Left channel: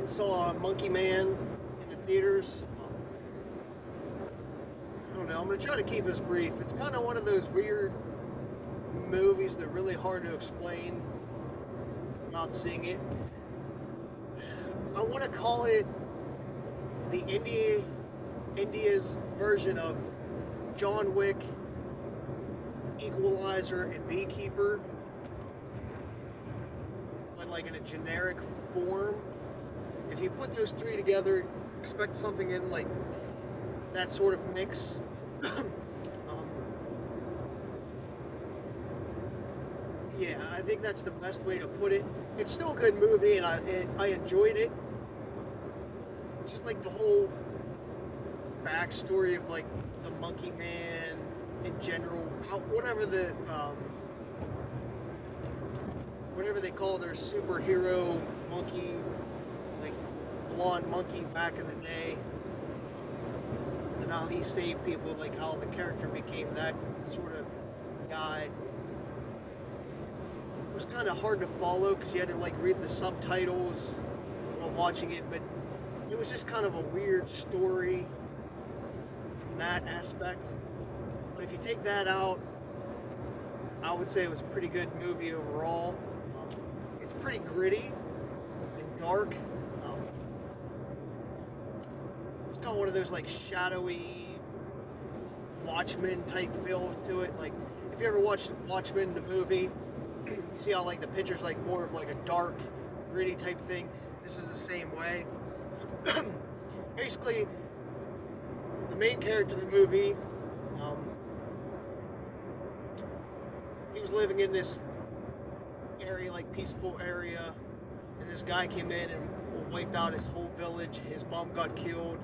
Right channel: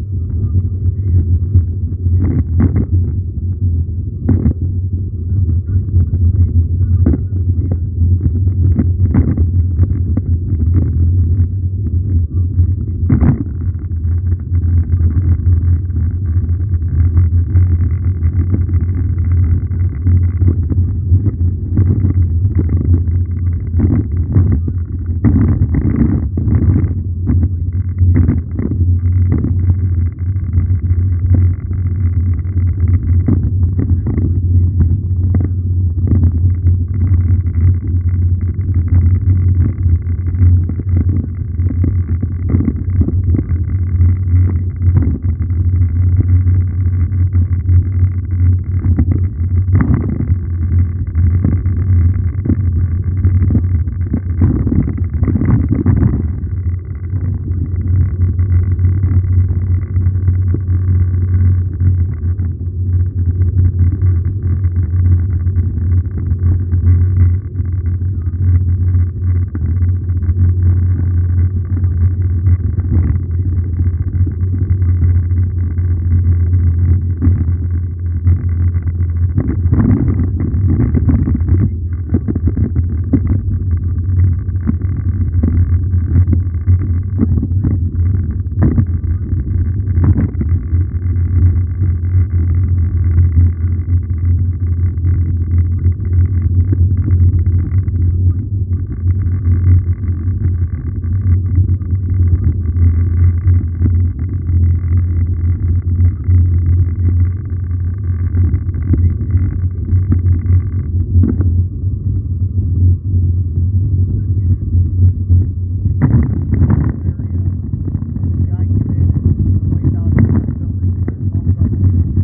went and saw Monkey Man in the theaters. I don't know, I'm going to try to keep this brief. It's kind of one of those weird movies that are really hard to explain without seeing it. I want to call it the India's version of John Wick, Equalizer, and Beekeeper, but like in a generic form. If you put those three together, expect something in like that sort of mix. Yeah, I think that's the best way to put it. It's still a good movie, and I enjoyed it. Just like the whole backstory of like the Monkey Man in general, whatever they call their superhero monkey, like blonde monkey back in the day, and how he saved people, like how the character became that sort of guy. It was kind of hard to follow because you had to like read the subtitles while watching it, but it was just kind of a weird story from that aspect. But if you take that out, I would say it was a pretty good movie overall. It's pretty gritty and dark. It's got one of those like shadowy Watchmen type feel to it. Like if you ever watched Watchmen the movie, see how like the picture's like more of like a dark, gritty type thing. This is the same way. Basically, the main character of the movie, he was living in this area, like peaceful area, and this guy came in and wiped out his whole village. His mom got killed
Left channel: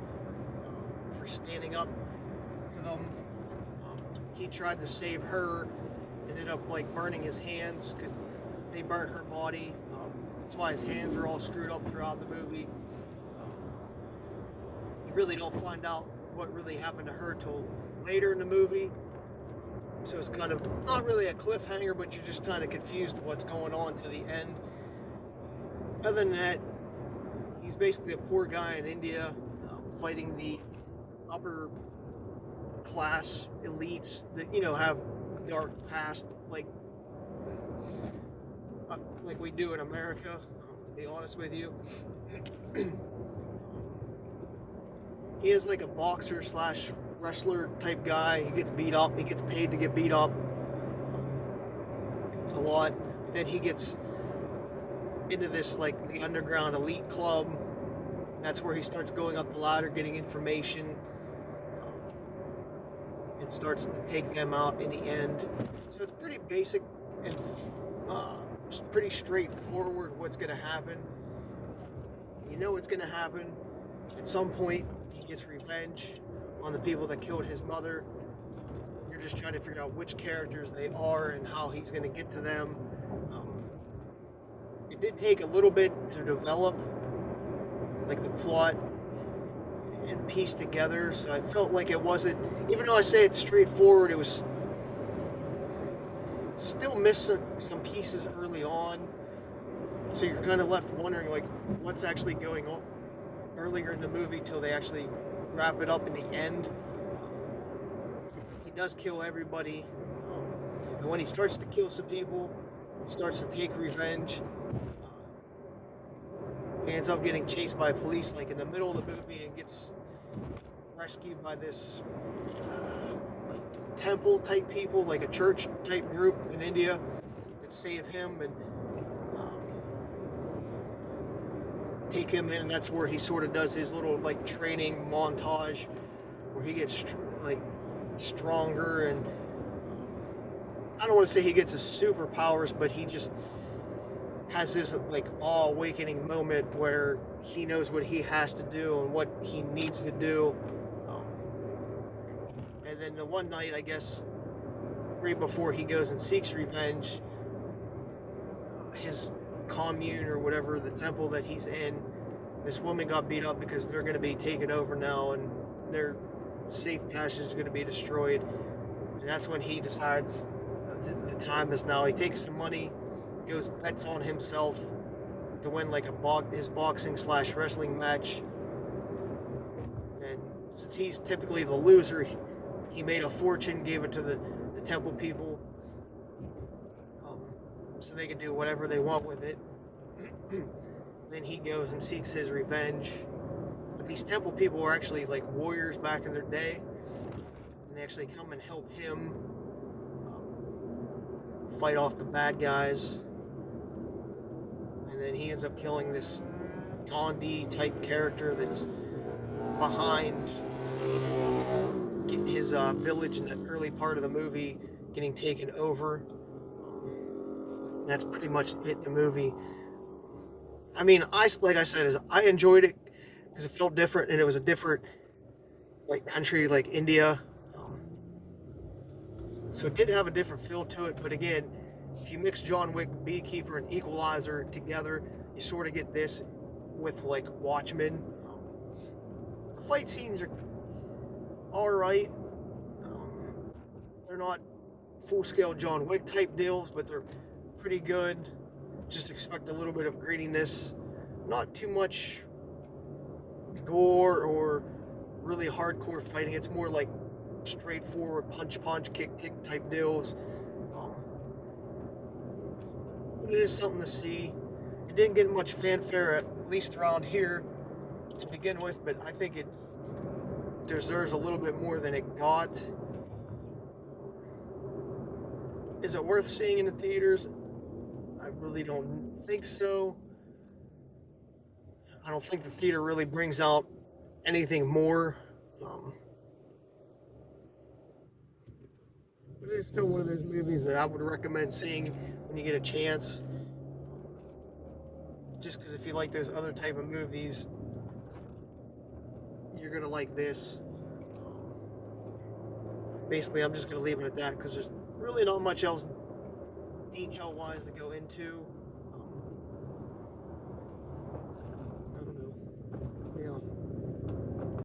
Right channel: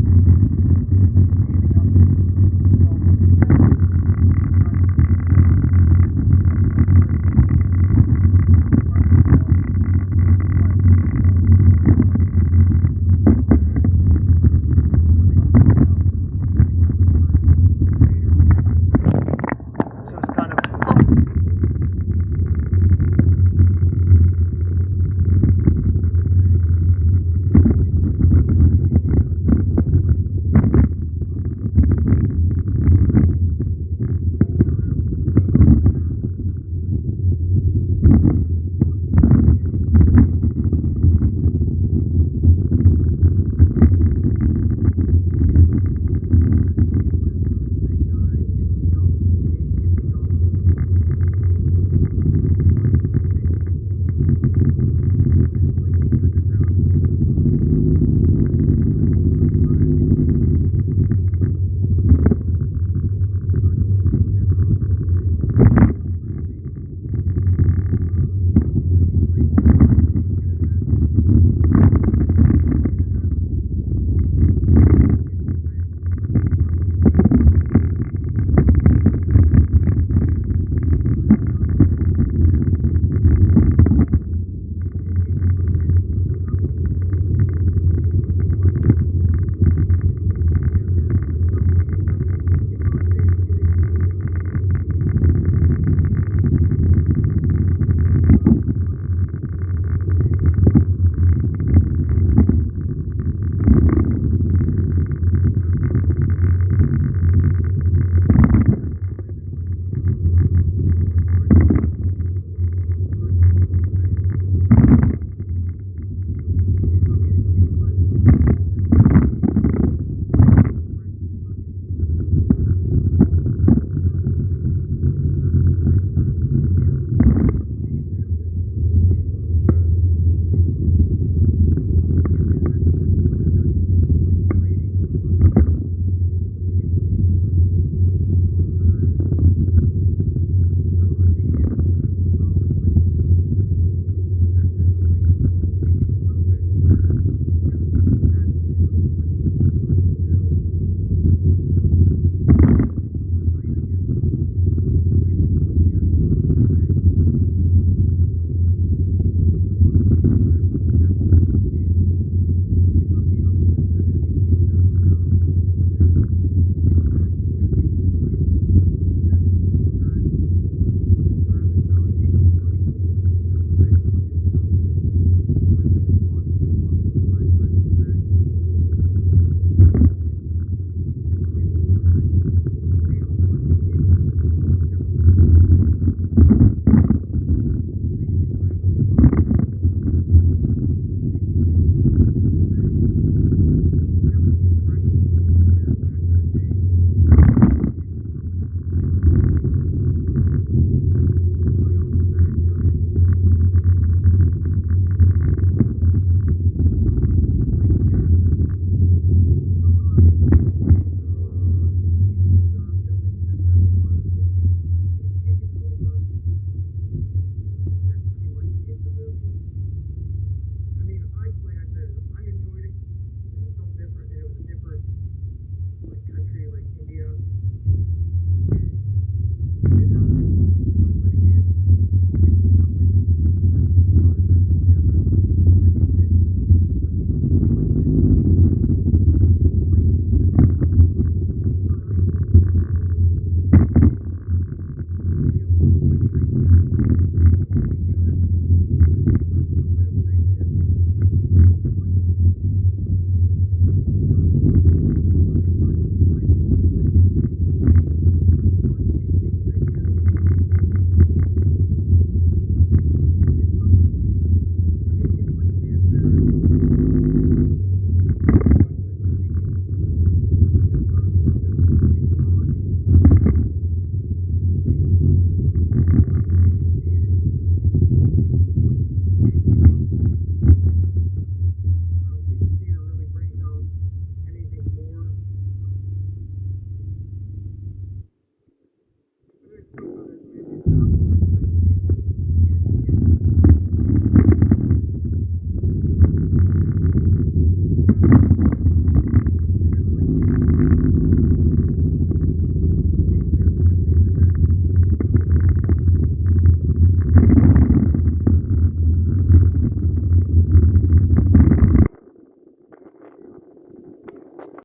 for standing up to them. He tried to save her, ended up like burning his hands because they burned her body. That's why his hands are all screwed up throughout the movie. You really don't find out what really happened to her till later in the movie. So it's kind of not really a cliffhanger, but you're just kind of confused what's going on to the end. Other than that, he's basically a poor guy in India fighting the upper class elites that, you know, have dark past like we do in America, to be honest with you. He is like a boxer slash wrestler type guy. He gets beat up. He gets paid to get beat up a lot. Then he gets into this like the underground elite club. That's where he starts going up the ladder, getting information, and starts to take them out in the end. So it's pretty basic and just pretty straightforward what's going to happen. You know what's going to happen. At some point, he gets revenge on the people that killed his mother. You're just trying to figure out which characters they are and how he's going to get to them. It did take a little bit to develop, like the plot and piece together. So I felt like it wasn't, even though I say it's straightforward, it was still missing some pieces early on. So you're kind of left wondering, like, what's actually going on earlier in the movie till they actually wrap it up in the end. He does kill everybody, and when he starts to kill some people, he starts to take revenge. He ends up getting chased by police like in the middle of the movie and gets rescued by this temple type people, like a church type group in India that save him and take him in. That's where he sort of does his little like training montage where he gets like stronger, and I don't want to say he gets his superpowers, but he just has this like awe-awakening moment where he knows what he has to do and what he needs to do. And then the one night, I guess, right before he goes and seeks revenge, his commune or whatever, the temple that he's in, this woman got beat up because they're going to be taken over now and their safe passage is going to be destroyed. And that's when he decides that the time is now. He takes some money, goes goes bets on himself to win like his boxing/wrestling match. And since he's typically the loser, he made a fortune, gave it to the temple people, so they could do whatever they want with it. Then he goes and seeks his revenge. But these temple people were actually like warriors back in their day, and they actually come and help him fight off the bad guys. And then he ends up killing this Gandhi type character that's behind his village in the early part of the movie getting taken over. And that's pretty much it, the movie. I mean, like I said, I enjoyed it because it felt different, and it was a different like country, like India. So it did have a different feel to it, but again, if you mix John Wick, Beekeeper, and Equalizer together, you sort of get this with like Watchmen. The fight scenes are alright. They're not full-scale John Wick type deals, but they're pretty good. Just expect a little bit of grittiness, not too much gore or really hardcore fighting. It's more like straightforward punch, kick type deals. It is something to see. It didn't get much fanfare, at least around here to begin with, but I think it deserves a little bit more than it got. Is it worth seeing in the theaters? I really don't think so. I don't think the theater really brings out anything more. But it's still one of those movies that I would recommend seeing when you get a chance. Just because if you like those other type of movies, you're going to like this. Basically, I'm just going to leave it at that because there's really not much else detail